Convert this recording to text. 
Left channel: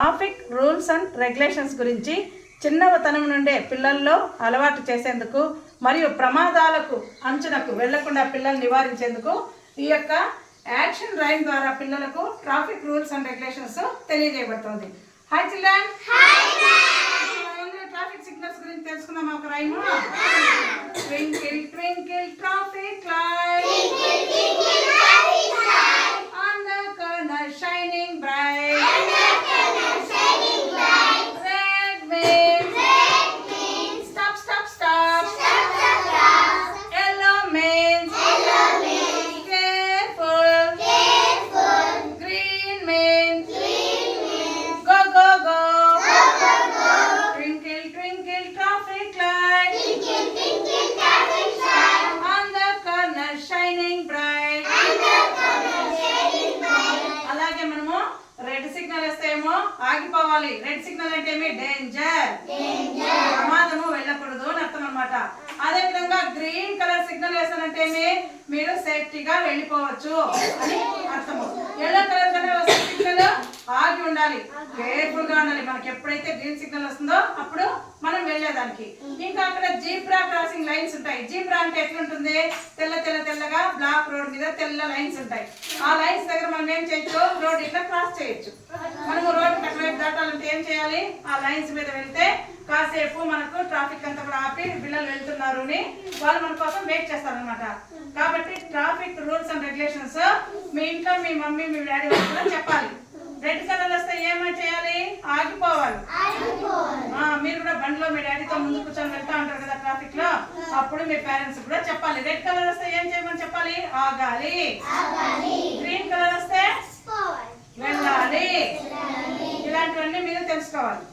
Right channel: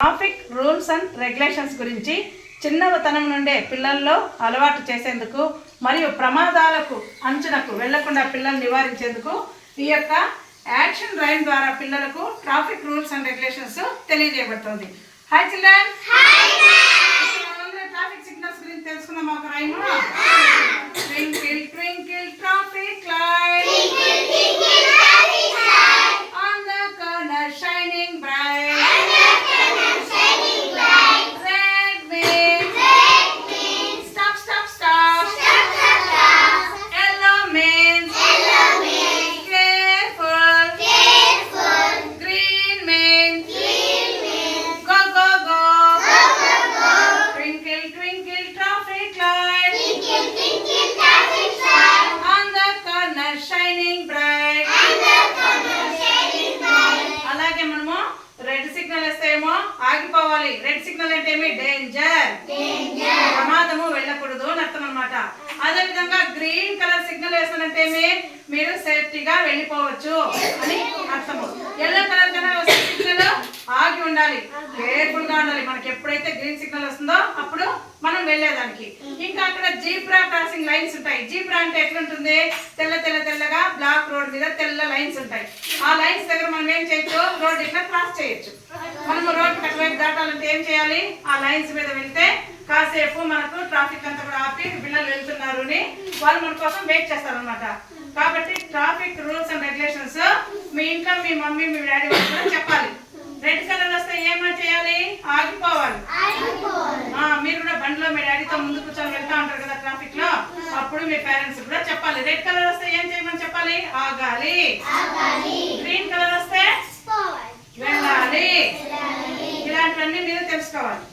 Traffic rules and regulations గురించి చిన్నతనం నుండే పిల్లల్లో అలవాటు చేసేందుకు మరియు ప్రమాదాలకు అంచునకు వెళ్లకుండా పిల్లల్ని నివారించేందుకు ఈ యొక్క యాక్షన్ రైమ్ ద్వారా పిల్లలకు ట్రాఫిక్ రూల్స్ అండ్ రెగ్యులేషన్స్ తెలియజేయబడుతుంది. హాయ్ చిల్డ్రన్, ట్రాఫిక్ సిగ్నల్స్ గురించి తెలుసుకున్నాం. ఒక rhyme, twinkle twinkle traffic light on the corner shining bright, ఆగిపోవాలి. రెడ్ సిగ్నల్ అంటే ఏమి? డేంజర్, ప్రమాదము, వెళ్ళకూడదు అని అర్థం అనమాట. అదే విధంగా గ్రీన్ కలర్ సిగ్నల్ వేసానంటే మీరు సేఫ్టీగా వెళ్ళిపోవచ్చు అని అర్థము. ఎల్లో కలర్ సిగ్నల్ ఆగి ఉండాలి, కేర్ఫుల్ గా ఉండాలి. మనకి ఎప్పుడైతే గ్రీన్ సిగ్నల్ వస్తుందో అప్పుడు మనం వెళ్ళేదానికి. ఇంకా అక్కడ జీబ్రా క్రాసింగ్ లైన్స్ ఉంటాయి. జీబ్రా అంటే ఎట్లుంటుంది? తెల్లగా బ్లాక్ రోడ్ మీద తెల్ల లైన్స్ ఉంటాయి. ఆ లైన్స్ దగ్గర మనం ఏం చేయొచ్చు? రోడ్ ఇట్లా క్రాస్ చేయొచ్చు. మనము రోడ్ అటువైపు దాటాలంటే ఏం చేయాలి? ఆ లైన్స్ మీద వెళ్తే కాసేపు మనకు ట్రాఫిక్ అంతా కూడా ఆపి పిల్లలు వెళ్తున్నారు అని వాళ్ళు మన కోసం వెయిట్ చేస్తారనమాట. కాబట్టి ట్రాఫిక్ రూల్స్ అండ్ రెగ్యులేషన్స్ మీ ఇంట్లో మీ మమ్మీ మీ డాడీ వాళ్ళు చెప్పాలి. రెడ్ కలర్ వస్తే ఏమైనా చేయాలి? ఆగిపోవాలి. మీరు కూడా బండిలో మీ డాడీతో ముందు కూర్చొని వెళ్తా ఉంటారు కదా ట్రాఫిక్ లో, అప్పుడు మీ పేరెంట్స్ కూడా చెప్పాలి. రెడ్ కలర్ వస్తే ఏం చేయమని చెప్పాలి? ఆగాలి. గ్రీన్ కలర్ వస్తే వెళ్ళాలి. ఇలాంటివన్నీ మీరు తెలుసుకోవాలి.